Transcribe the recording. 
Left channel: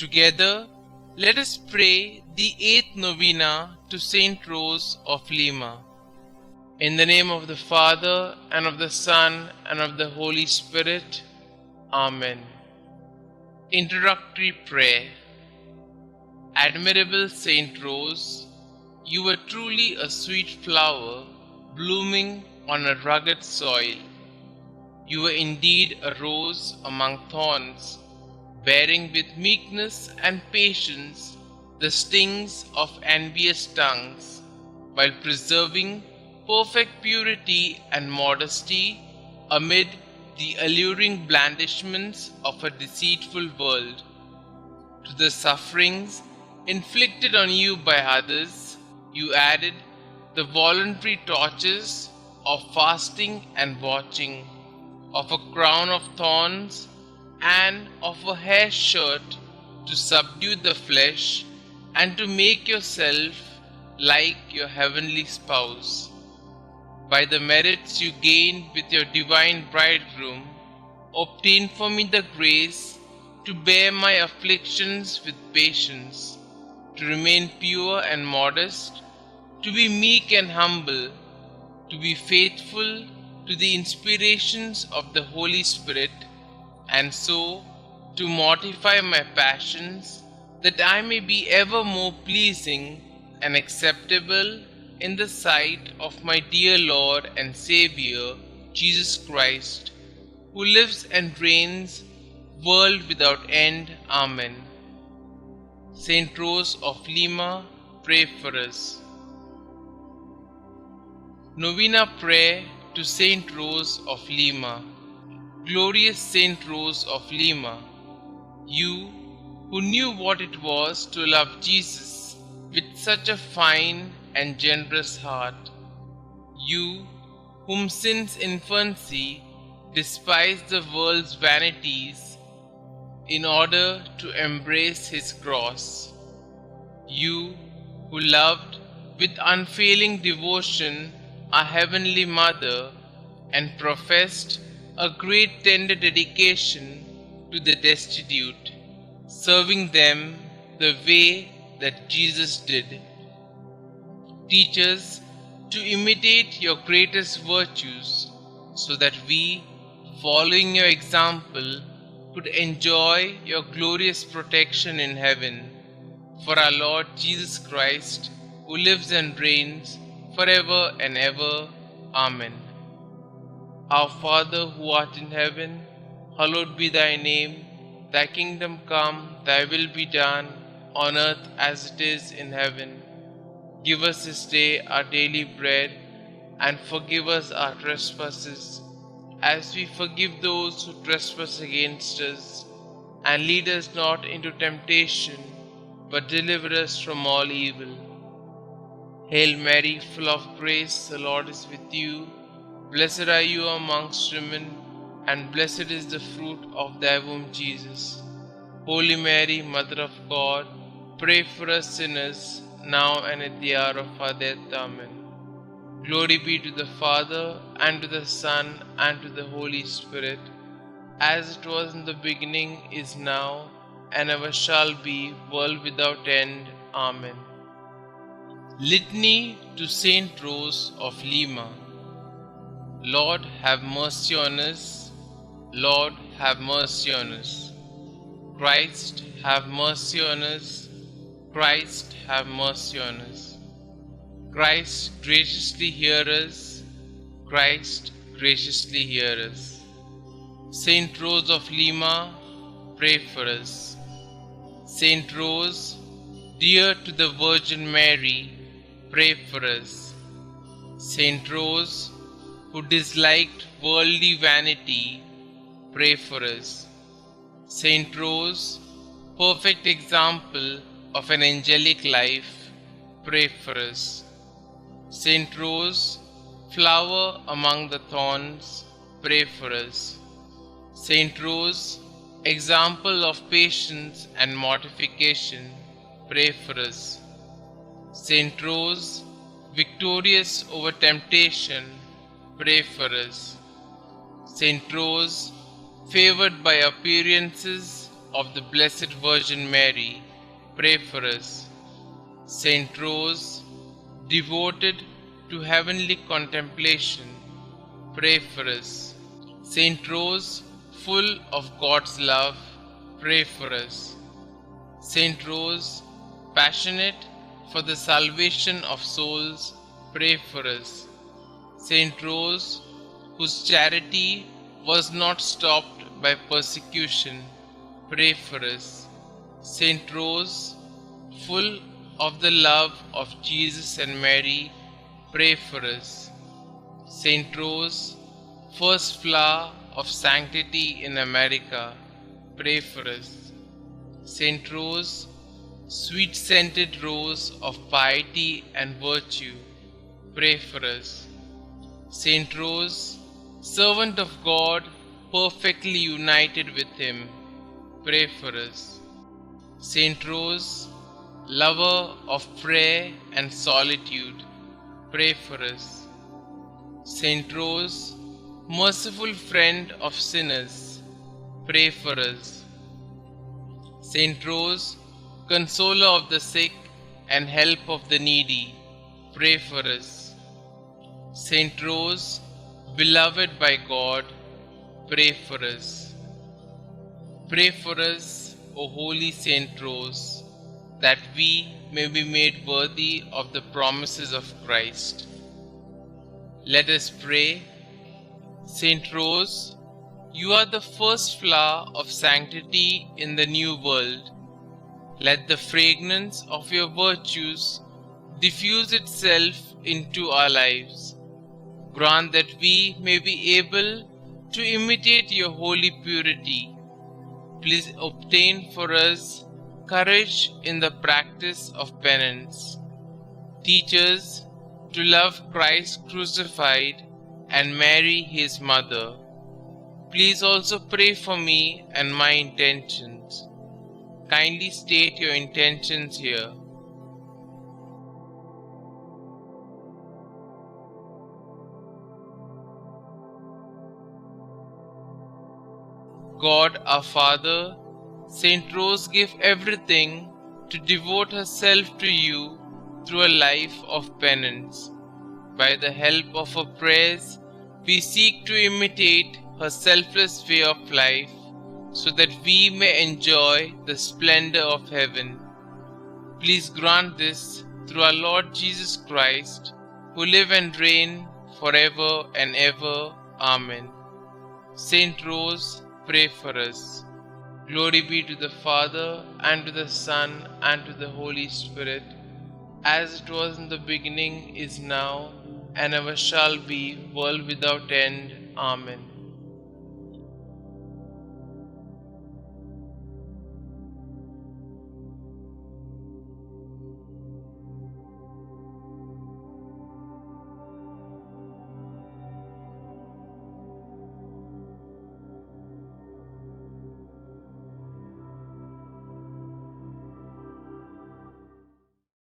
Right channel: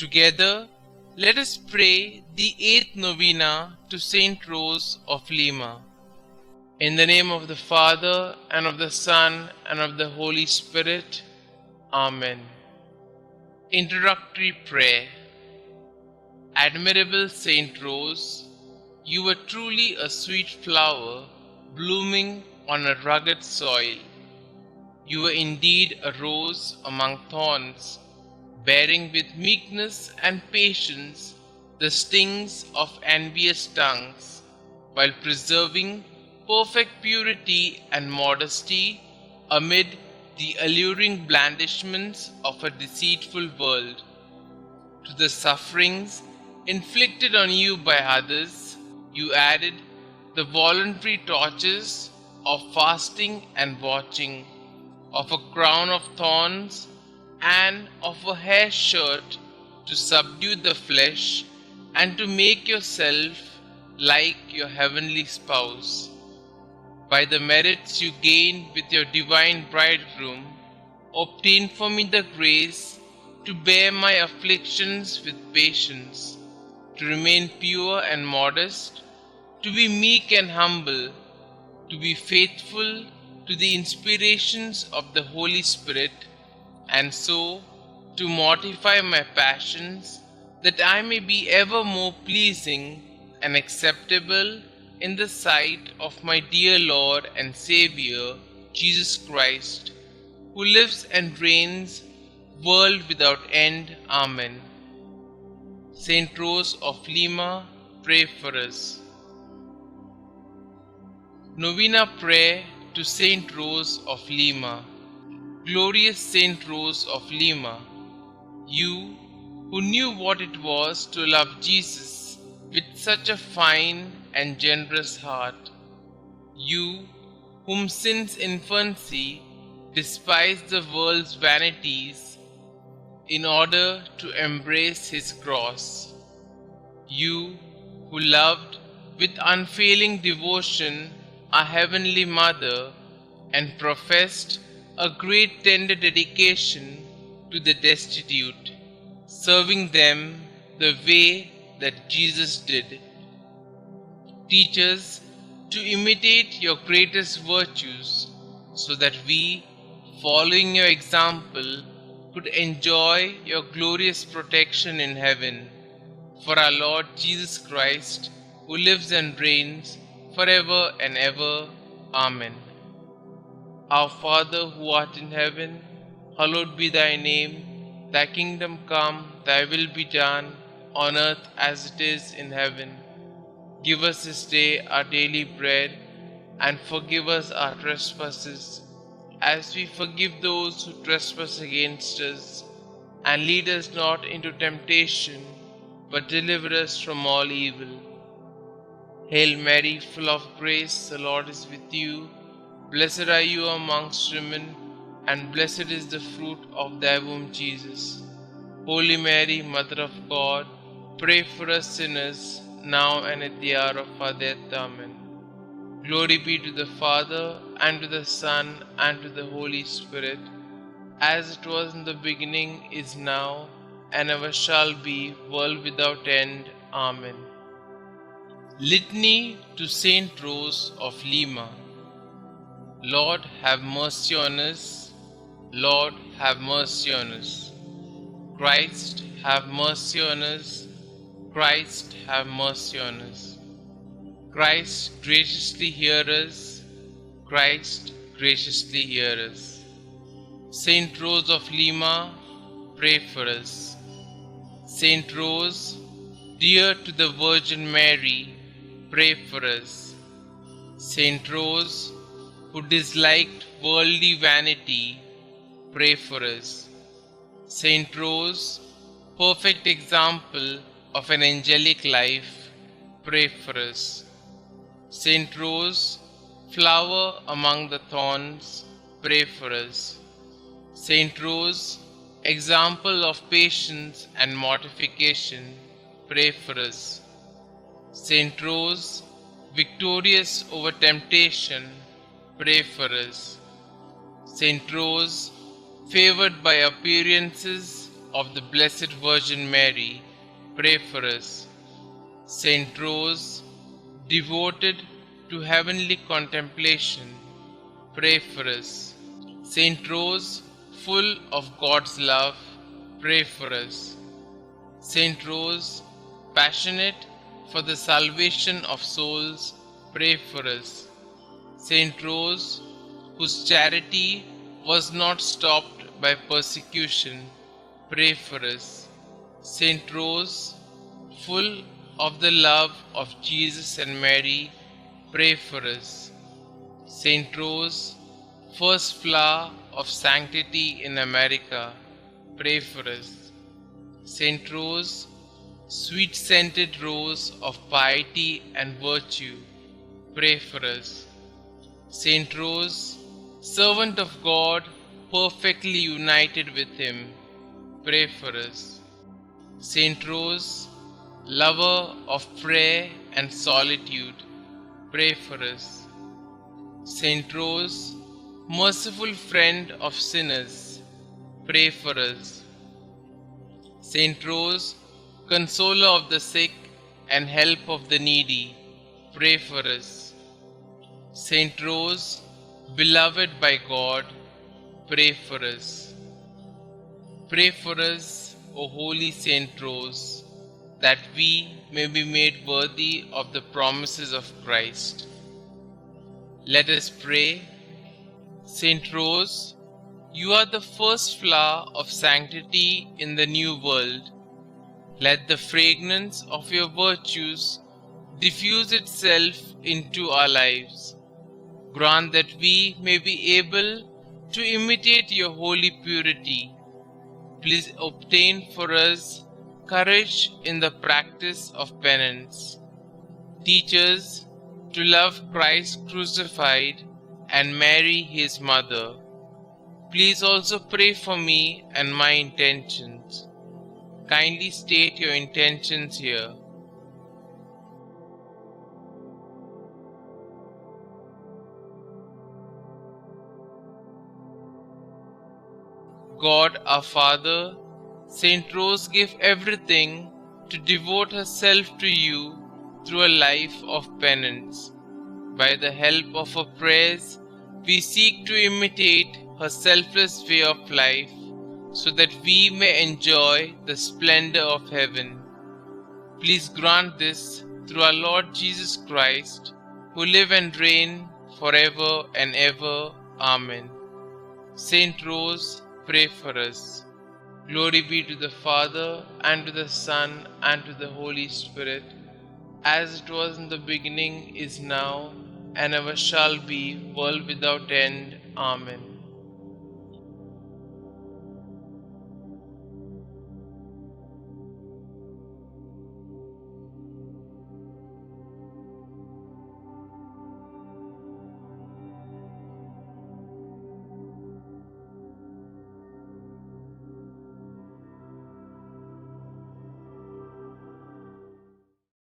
Together, let us pray the 8th novena to Saint Rose of Lima. In the name of the Father, and of the Son, and of the Holy Spirit. Amen. Introductory Prayer. Admirable Saint Rose, you were truly a sweet flower, blooming on a rugged soil. You were indeed a rose among thorns, bearing with meekness and patience the stings of envious tongues, while preserving perfect purity and modesty amid the alluring blandishments of a deceitful world. To the sufferings inflicted on you by others, you added the voluntary tortures of fasting and watching, of a crown of thorns and of a hair shirt to subdue the flesh and to make yourself like your heavenly spouse. By the merits you gained with your divine bridegroom, obtain for me the grace to bear my afflictions with patience, to remain pure and modest, to be meek and humble, to be faithful to the inspirations of the Holy Spirit, and so to mortify my passions, that I may be ever more pleasing and acceptable in the sight of my dear Lord and Saviour, Jesus Christ, who lives and reigns, world without end. Amen. Saint Rose of Lima, pray for us. Novena Prayer to Saint Rose of Lima. Glorious Saint Rose of Lima, you who knew what it was to love Jesus with such a fine and generous heart, you whom since infancy despised the world's vanities in order to embrace his cross, you who loved with unfailing devotion our Heavenly Mother and professed a great tender dedication to the destitute, serving them the way that Jesus did. Teach us to imitate your greatest virtues, so that we, following your example, could enjoy your glorious protection in heaven. For our Lord Jesus Christ, who lives and reigns forever and ever. Amen. Our Father who art in heaven, hallowed be thy name. Thy kingdom come, thy will be done, on earth as it is in heaven. Give us this day our daily bread, and forgive us our trespasses, as we forgive those who trespass against us. And lead us not into temptation, but deliver us from all evil. Hail Mary, full of grace, the Lord is with you. Blessed are you amongst women, and blessed is the fruit of thy womb, Jesus. Holy Mary, Mother of God, pray for us sinners, now and at the hour of our death. Amen. Glory be to the Father, and to the Son, and to the Holy Spirit, as it was in the beginning, is now, and ever shall be, world without end. Amen. Litany to Saint Rose of Lima. Lord, have mercy on us. Lord, have mercy on us. Christ, have mercy on us. Christ, have mercy on us. Christ, graciously hear us. Christ, graciously hear us. Saint Rose of Lima, pray for us. Saint Rose, dear to the Virgin Mary, pray for us. Saint Rose, who disliked worldly vanity, pray for us. Saint Rose, perfect example of an angelic life, pray for us. Saint Rose, flower among the thorns, pray for us. Saint Rose, example of patience and mortification, pray for us. Saint Rose, victorious over temptation, pray for us. Saint Rose, favored by appearances, of the Blessed Virgin Mary, pray for us. Saint Rose, devoted to heavenly contemplation, pray for us. Saint Rose, full of God's love, pray for us. Saint Rose, passionate for the salvation of souls, pray for us. Saint Rose, whose charity was not stopped by persecution, pray for us. Saint Rose, full of the love of Jesus and Mary, pray for us. Saint Rose, first flower of sanctity in America, pray for us. Saint Rose, sweet-scented rose of piety and virtue, pray for us. Saint Rose, servant of God, perfectly united with Him, pray for us. Saint Rose, lover of prayer and solitude, pray for us. Saint Rose, merciful friend of sinners, pray for us. Saint Rose, consoler of the sick and help of the needy, pray for us. Saint Rose, beloved by God, pray for us. Pray for us, O Holy Saint Rose, that we may be made worthy of the promises of Christ. Let us pray. Saint Rose, you are the first flower of sanctity in the new world. Let the fragrance of your virtues diffuse itself into our lives. Grant that we may be able to imitate your holy purity. Please obtain for us courage in the practice of penance. Teach us to love Christ crucified and Mary his mother. Please also pray for me and my intentions. Kindly state your intentions here. God our Father, Saint Rose gave everything to devote herself to you through a life of penance. By the help of her prayers, we seek to imitate her selfless way of life so that we may enjoy the splendor of heaven. Please grant this through our Lord Jesus Christ, who live and reign forever and ever. Amen. Saint Rose, pray for us. Glory be to the Father, and to the Son, and to the Holy Spirit, as it was in the beginning, is now, and ever shall be, world without end. Amen.